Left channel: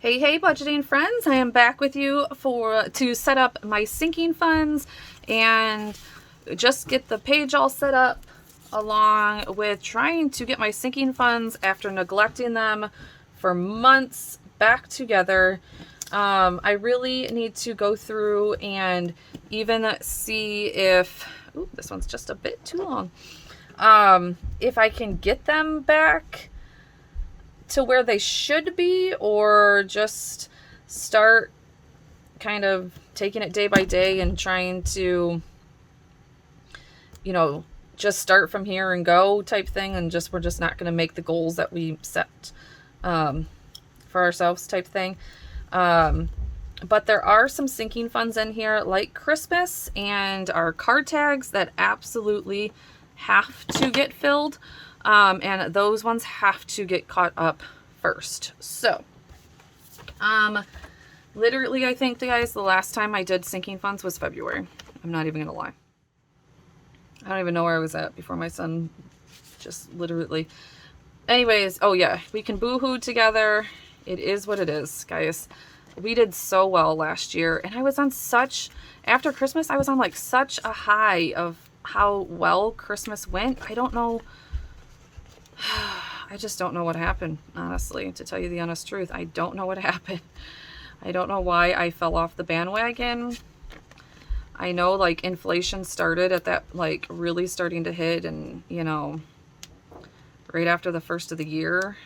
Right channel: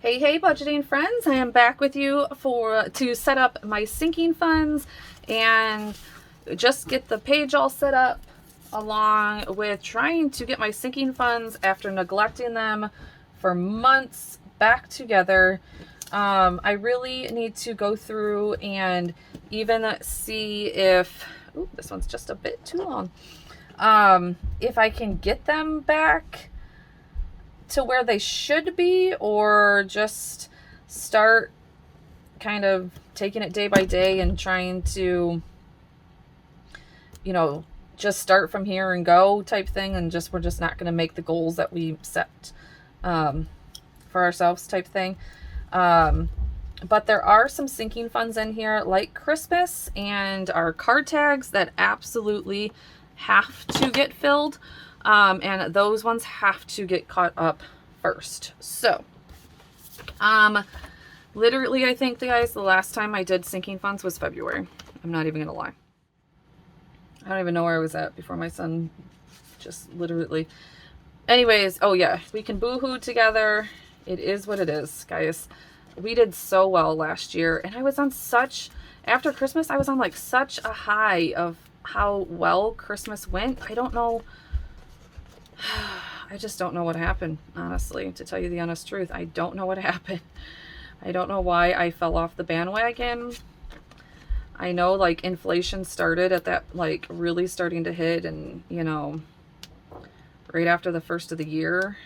Hey, budgeting friends, I am back with you to set up my sinking funds and just get the page all set up, along with trying to get my sinking funds after neglecting them for months back together. I really need to go through and even see if, ooh, this one's just a bit too long, if I can get them back to where they should be, or just start kind of taking it day by day and trying to, just start from here and go type thing, and we're just not going to make the goals that we set for ourselves type thing. But there are some sinking funds in here, like Christmas and our card tags, that absolutely have to get filled. And those ones have to get caught up first. So, literally, I think, guys, the last time I did sinking funds was February. I'm not even gonna lie. I don't even know where I was at before my son just literally. Anyways, oh yeah, we can boohoo together. It is what it is, guys. We did so well last year, and I was on after Christmas, I was on like such a high of how well Christmas went. I don't know. I just don't know what happened, honestly, to tell you the honest truth. I don't know what happened. I don't know why I fell off the bandwagon. I know, like, inflation started at that, like, really starting to hit, and, right after the first of the year.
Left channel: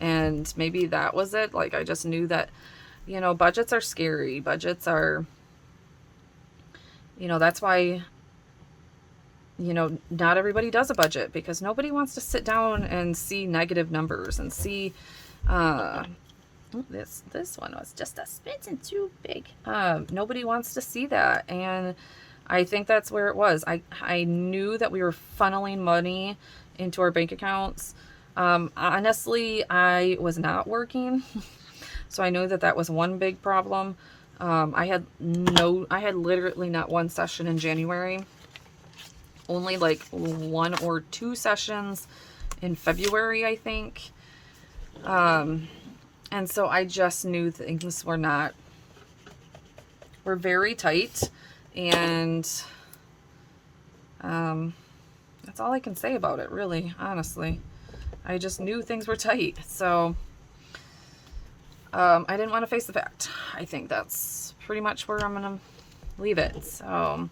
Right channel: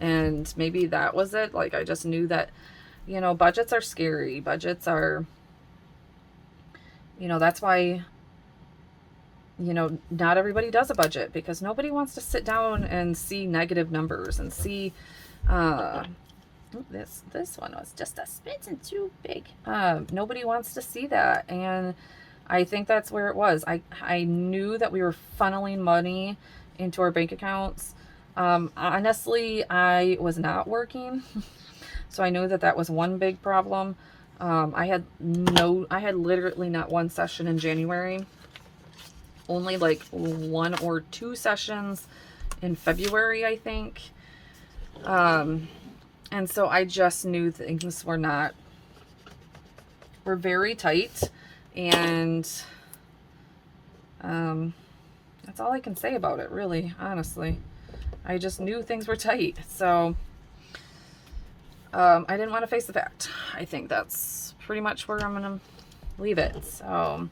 And maybe that was it. Like, I just knew that, budgets are scary. Budgets are, that's why, not everybody does a budget, because nobody wants to sit down and see negative numbers and see, this one was just a smidgen too big. Nobody wants to see that. And I think that's where it was. I knew that we were funneling money into our bank accounts. Honestly, I was not working. So I knew that was one big problem. I had literally not one session in January. Only like 1 or 2 sessions in February, I think. And so I just knew things were very tight. And that's all I can say about it, really, honestly. I just knew things were tight. So I didn't want to face the fact. I think that's pretty much where I'm going to leave it. So,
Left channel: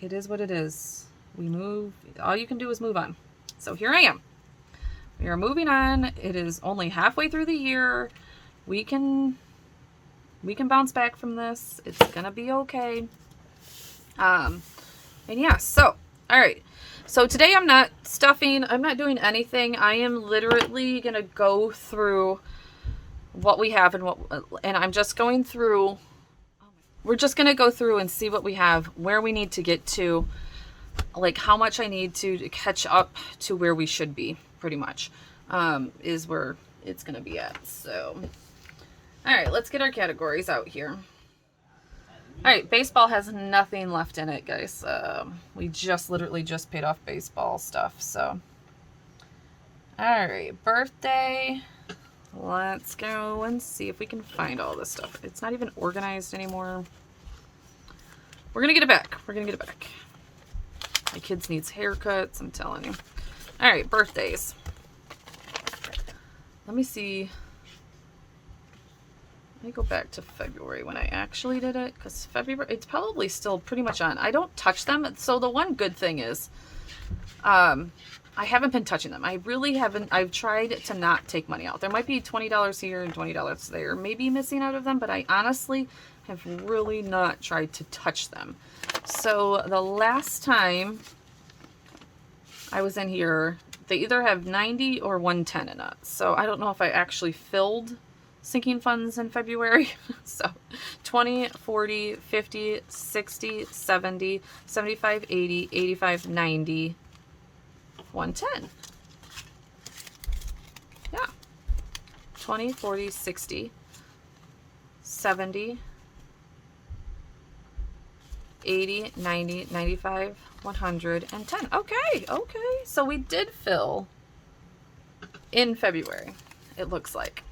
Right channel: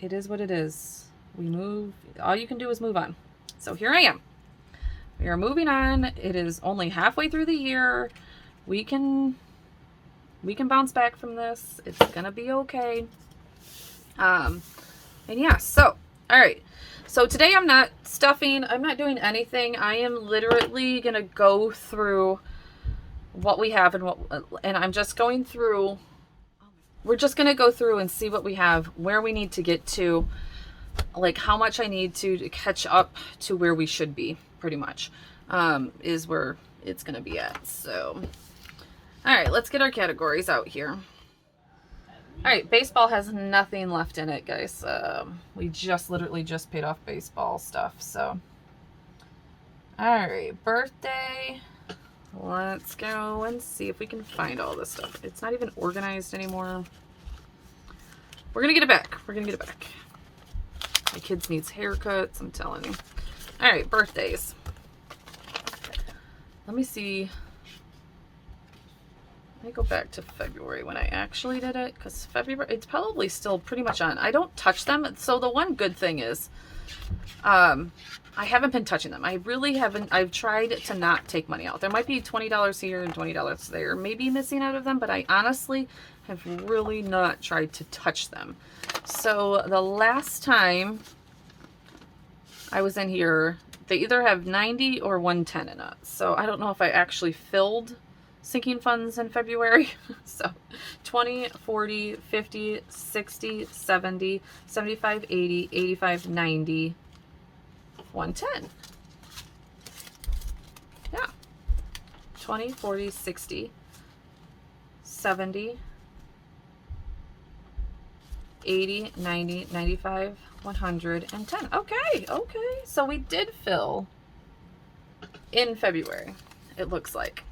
it is what it is. We move. All you can do is move on. So here I am. We are moving on. It is only halfway through the year. We can bounce back from this. It's gonna be okay. And yeah, so all right. So today I'm not stuffing. I'm not doing anything. I am literally gonna go through what we have and I'm just going through. We're just going to go through and see what we have, where we need to get to, like how much I need to catch up to where we should be, pretty much, is where it's going to be at. So, all right, let's get our categories out here. All right, baseball has nothing left in it, guys. We literally just paid off baseball stuff, so. All right, birthday. Let's go and see if we can find all this stuff. It's not even organized anymore. We're going to get it back. We're going to get it back. My kids needs haircuts, I'm telling you. All right, birthdays. Let me see. Let me go back to February when I actually did it, because February, it's probably still pretty much on. I don't touch them. So the one good thing is, I haven't been touching them. I really haven't. I've tried to not take money out. There might be $20 here and $20 there, maybe missing out of them, but I honestly have really not tried to touch them. So the last time I was in here, they either have 90 or 110 in it. So I don't know if I actually filled sinking funds in February. So 20, 40, 50, 60, 70, 75, 80, 85, 90, 110. Yeah. 20, 40, 60, 70, 80, 90, 95, 110. Okay. So we did fill in February, it looks like.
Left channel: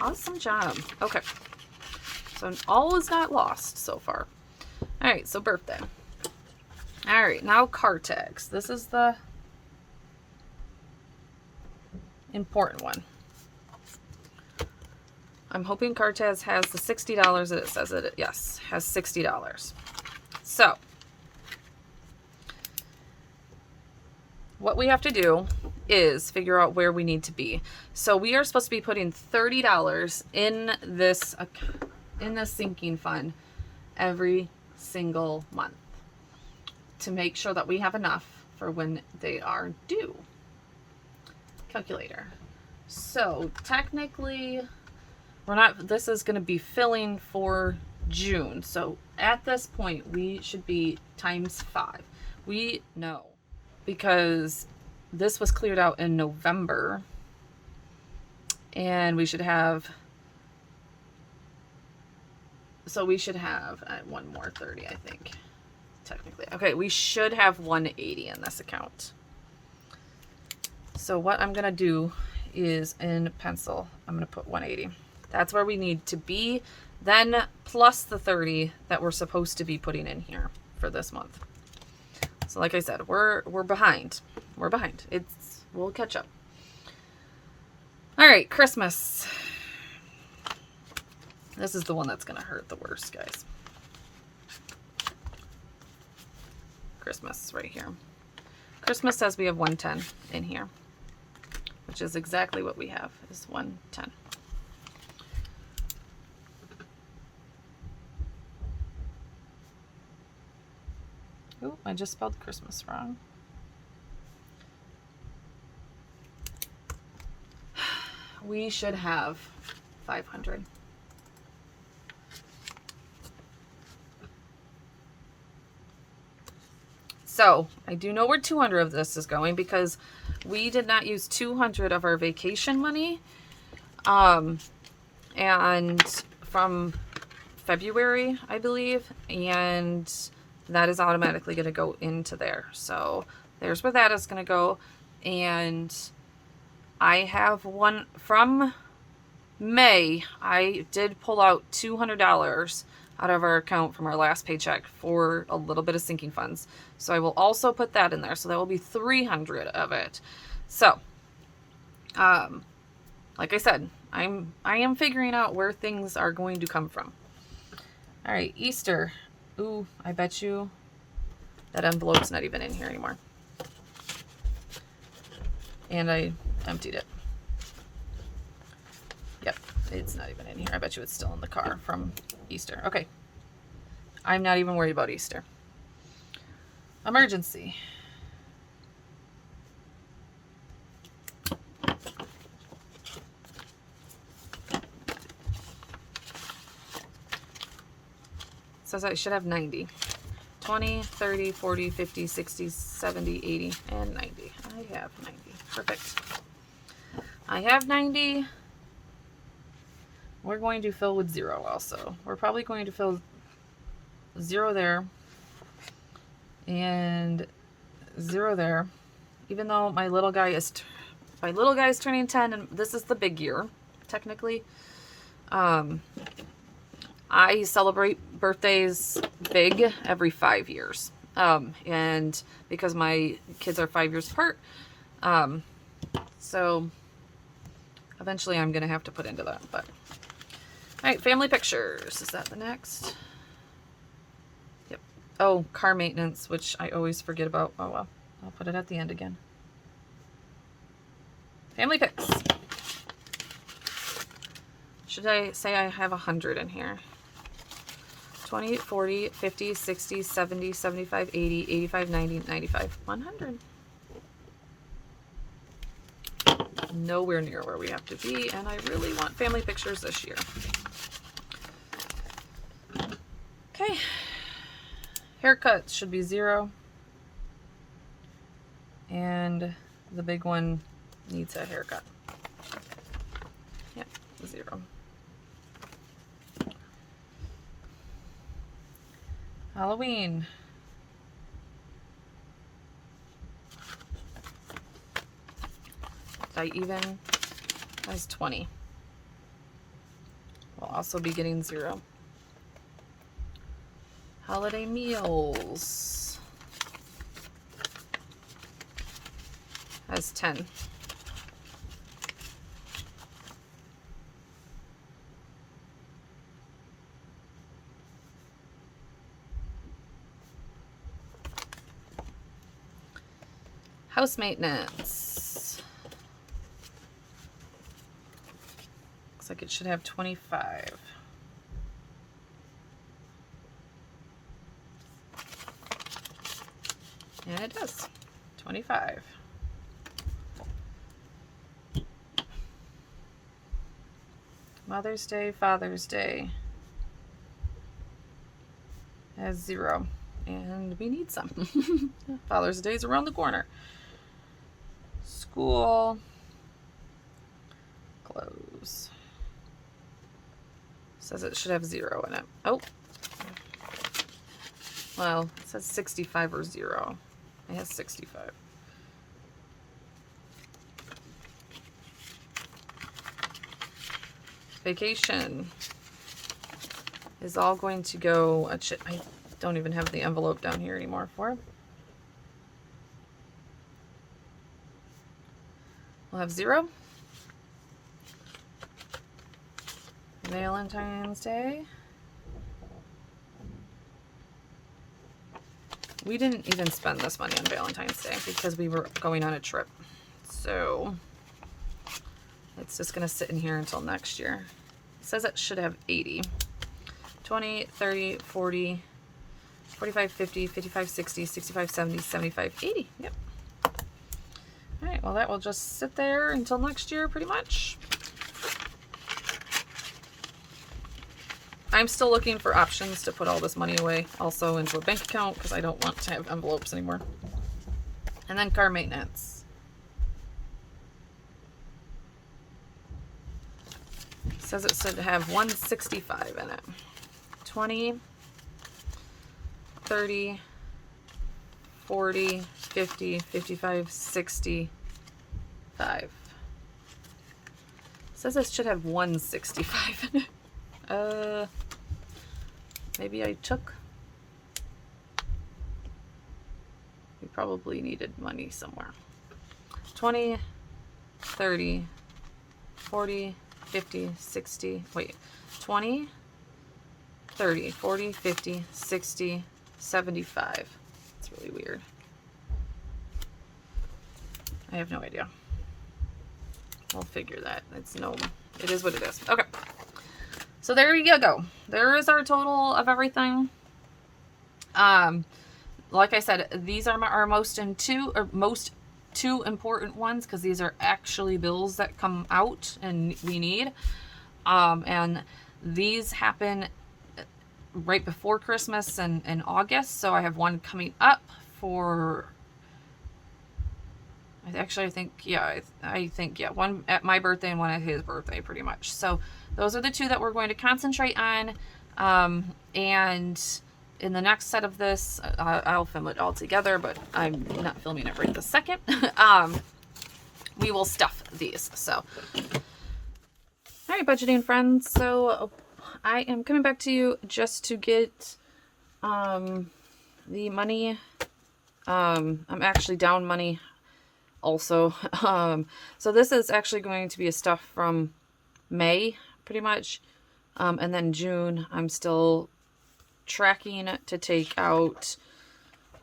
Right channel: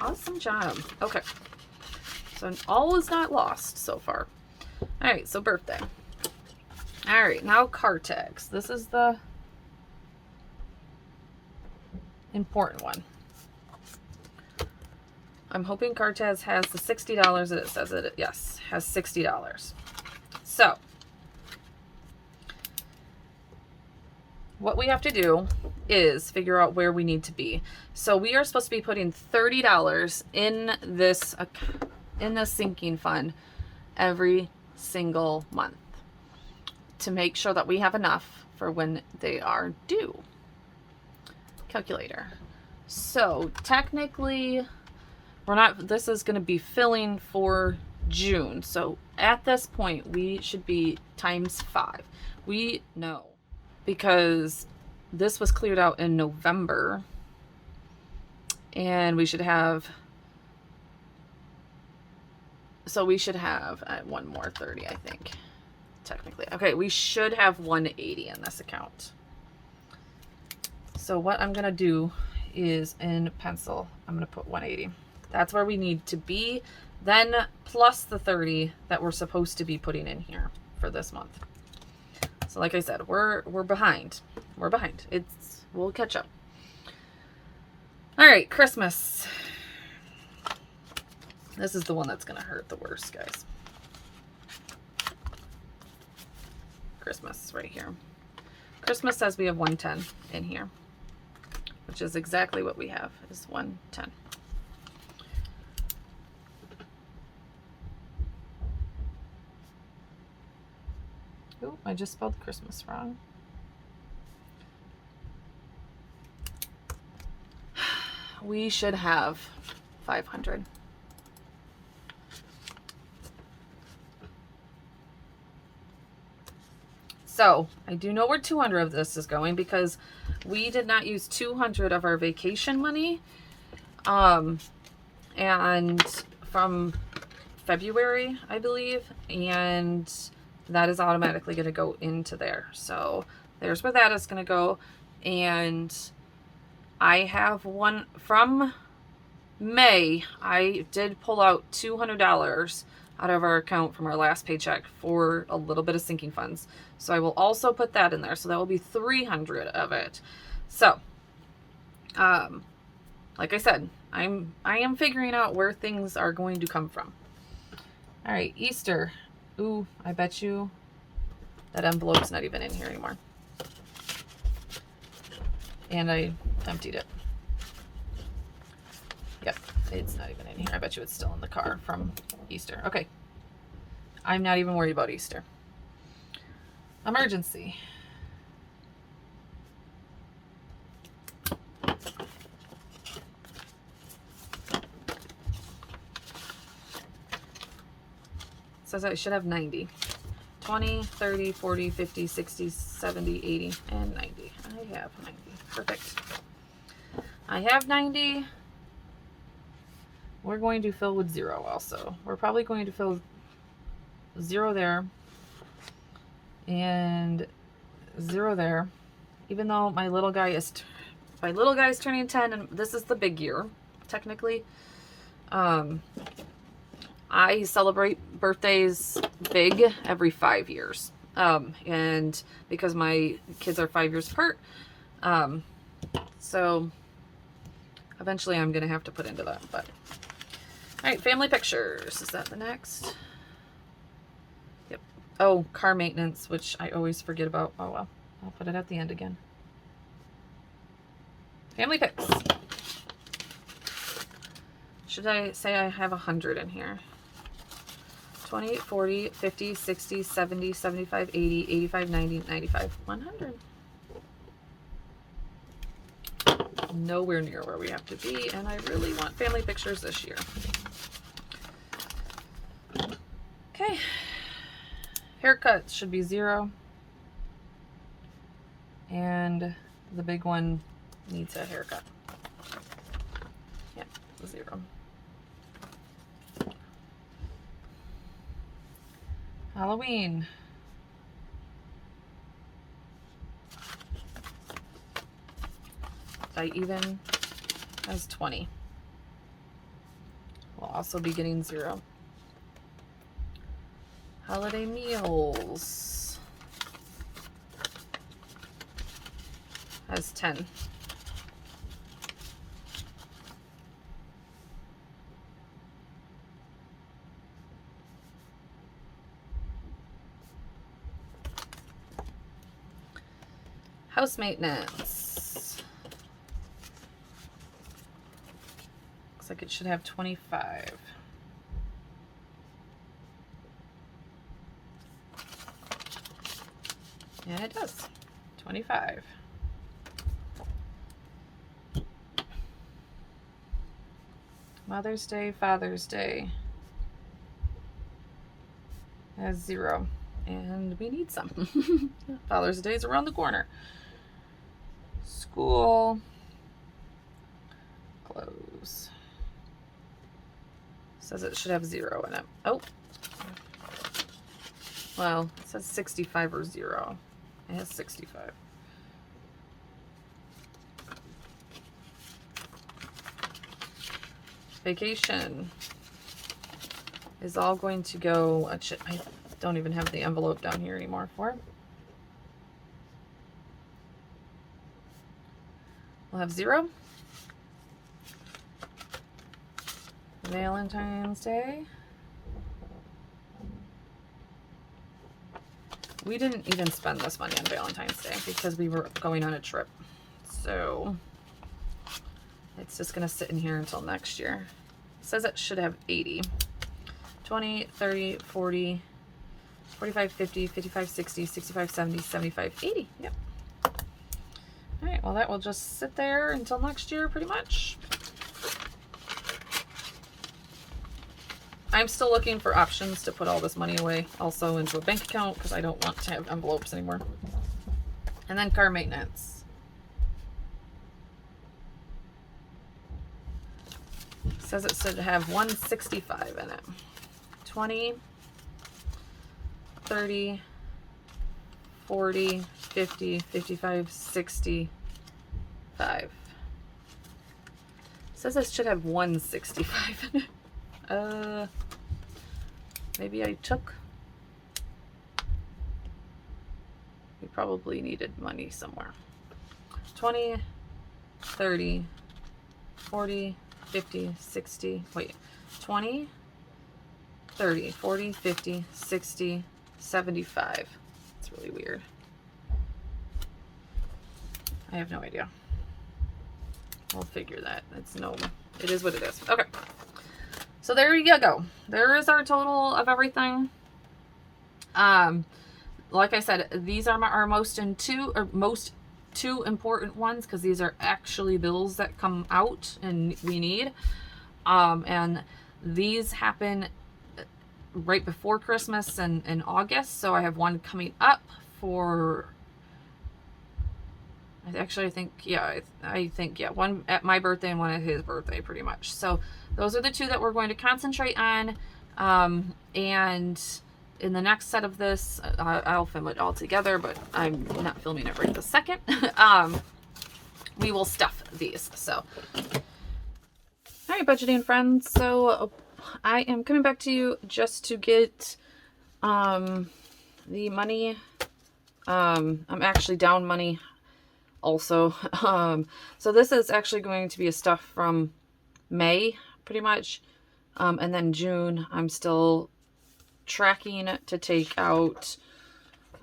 Awesome job. Okay. So all is not lost so far. All right, so birthday. All right, now card tags. This is the important one. I'm hoping card tags has the $60 that it says it, yes, has $60. So what we have to do is figure out where we need to be. So we are supposed to be putting $30 in this sinking fund every single month to make sure that we have enough for when they are due. Calculator. So technically, this is going to be filling for June. So at this point, we should be times 5. We know because this was cleared out in November, and we should have, so we should have one more 30, I think, technically. Okay, we should have 180 in this account. So what I'm gonna do is in pencil, I'm gonna put 180. That's where we need to be, then plus the 30 that we're supposed to be putting in here for this month. So like I said, we're behind. We're behind. We'll catch up. All right, Christmas. This is the one that's gonna hurt the worst, guys. Christmas right here. Christmas says we have 110 in here, which is exactly what we have, is 110. Oh, I just spelled Christmas wrong. We should have 500. So I do know where 200 of this is going because we did not use 200 of our vacation money. And from February, I believe, and that is automatically going to go into there. So there's where that is going to go. And I have one from May. I did pull out $200 out of our account from our last paycheck for a little bit of sinking funds. So I will also put that in there. So that will be 300 of it. So, like I said, I am figuring out where things are going to come from. All right, Easter. Ooh, I bet you that envelope's not even in here anymore. And I emptied it. Yep, it's not even in here. I bet you it's still in the car from Easter. Okay. I'm not even worried about Easter. Emergency. Says I should have 90. 20, 30, 40, 50, 60, 70, 80, and 90. I have 90. Perfect. I have 90. We're going to fill with 0 also. We're probably going to fill 0 there and 0 there. Even though my little guy is turning 10, and this is the big year, technically. I celebrate birthdays big every 5 years. And because my kids are 5 years apart, so eventually I'm going to have to put into that. But all right, family pictures. Is that the next? Yep. Oh, car maintenance, which I always forget about. Oh, well, I'll put it at the end again. Family pics. Should I say I have 100 in here? 20, 40, 50, 60, 70, 75, 80, 85, 90, 95, 100. Nowhere near where we have to be, and I really want family pictures this year. Okay. Haircuts should be 0. And the big one needs a haircut. Yeah, 0. Halloween. I even has 20. will also be getting 0. Holiday meals has 10. House maintenance. Looks like it should have 25. And it does. 25. Mother's Day, Father's Day has 0. And we need some. Father's Day is around the corner. School. Clothes. Says it should have 0 in it. Oh. Well, it says 65 or 0. It has 65. Vacation is all going to go. I don't even have the envelope down here anymore for it. We'll have 0. Valentine's Day. We didn't even spend this money on Valentine's Day because we were going on a trip. So it's just going to sit in here until next year. It says it should have 80. 20, 30, 40, 45, 50, 55, 60, 65, 70, 75, 80. Yep. All right, well, that will just sit there until next year pretty much. I'm still looking for options to put all this money away also into a bank account because I don't want to have envelopes anymore. And then car maintenance. It says it should have 165 in it. 20, 30, 40, 50, 55, 65. It says it should have 165 in it. Maybe I took. We probably needed money somewhere. 20, 30, 40, 50, 60, wait, 20, 30, 40, 50, 60, 75. It's really weird. I have no idea. We'll figure that. It is what it is. Okay. So there you go. There is our total of everything. Like I said, these are our most two important ones because these are actually bills that come out and we need. And these happen right before Christmas and in August. So I have one coming up for, I think one at my birthday and one at his birthday pretty much. So those are the two that we're going to concentrate on. And in the next set of this, I'll film it all together, but I'm not filming it right this second. We will stuff these. So, all right, budgeting friends. So I am coming back to you just to get the money. I'm actually down money also. So this is actually going to be a stuff from May pretty much. And then June, I'm still tracking to take out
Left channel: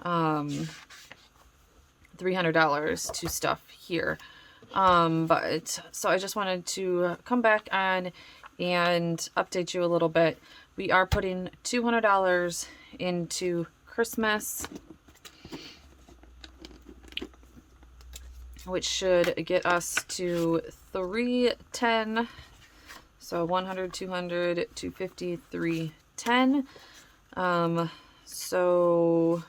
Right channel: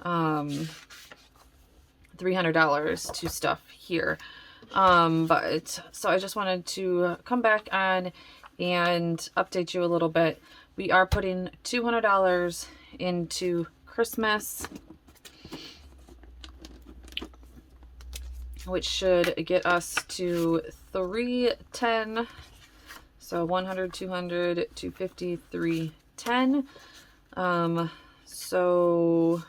$300 to stuff here. But so I just wanted to come back on and update you a little bit. We are putting $200 into Christmas, which should get us to 310. So 100, 200, 250, 310. So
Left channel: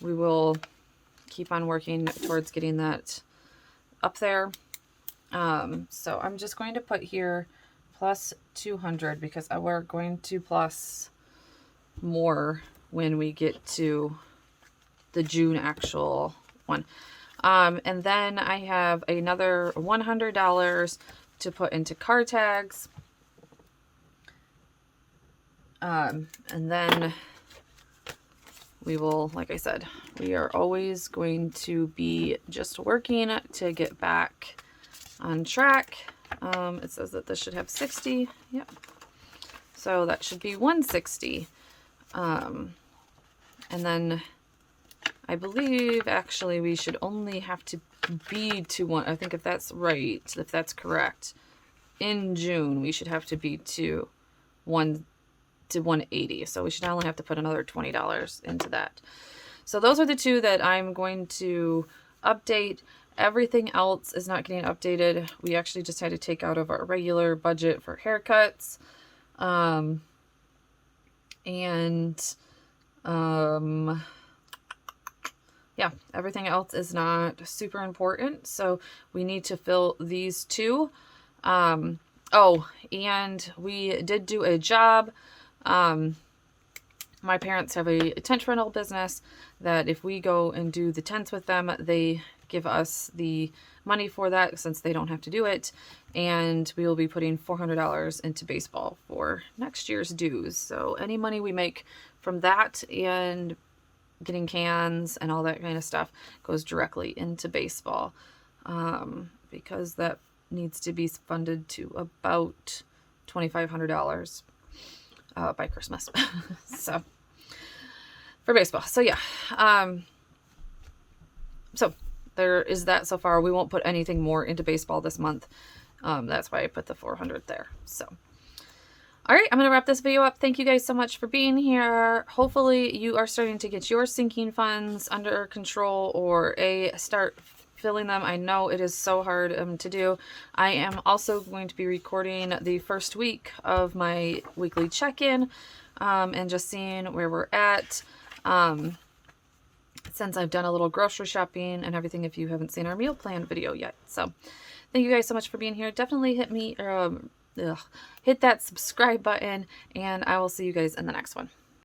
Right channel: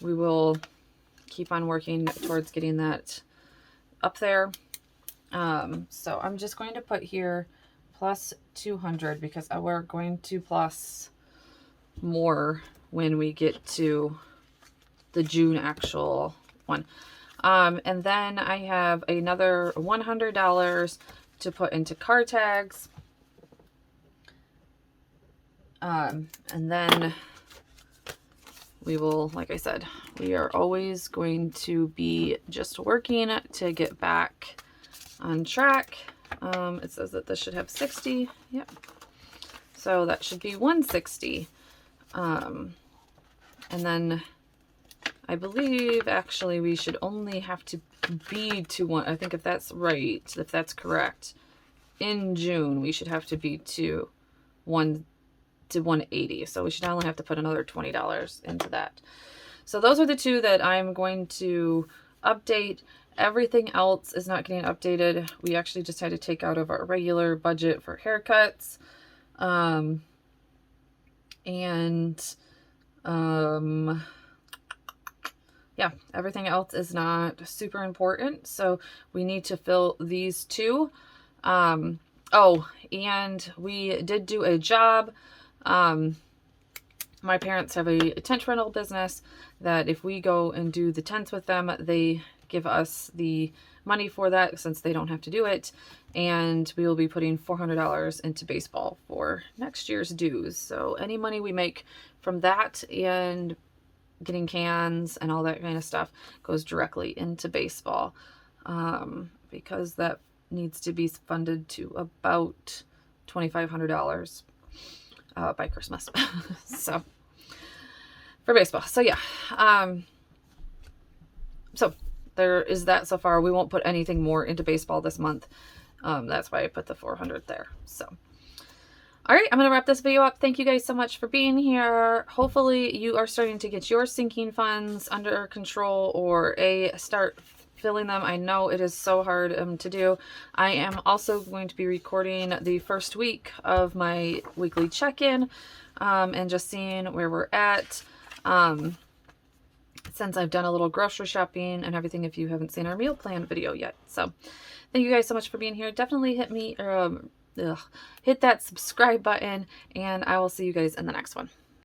we will keep on working towards getting that up there. So I'm just going to put here plus 200 because we're going to plus more when we get to the June actual one. And then I have another $100 to put into car tags. And then we will, like I said, we are always going to be just working to get back on track. It says that this should have 60. Yep. So that should be 160. And then I believe actually we should only have to be to one. I think if that's right, if that's correct, in June we should have to be to 180. So we should only have to put another $20 into that. So those are the two that I'm going to update. Everything else is not getting updated. We actually just had to take out of our regular budget for haircuts. Yeah, everything else is not super important. So we need to fill these two. Oh, and we did do a job. My parents have a tent rental business that if we go and do the tents with them, they give us the money for that since they don't have to do it. And we will be putting $400 into baseball for next year's dues. So any money we make from that and getting cans and all that kind of stuff goes directly into baseball, because that needs to be funded to about $2,500 by Christmas. So for baseball. So yeah. So there is that so far. We won't put anything more into baseball this month. That's why I put the 400 there. So, all right, I'm going to wrap this video up. Thank you guys so much for being here. Hopefully you are starting to get your sinking funds under control or start filling them. I know it is so hard to do. I am also going to be recording the first week of my weekly check-in and just seeing where we're at. Since I've done a little grocery shopping and everything, if you haven't seen our meal plan video yet. So thank you guys so much for being here. Definitely hit that subscribe button, and I will see you guys in the next one.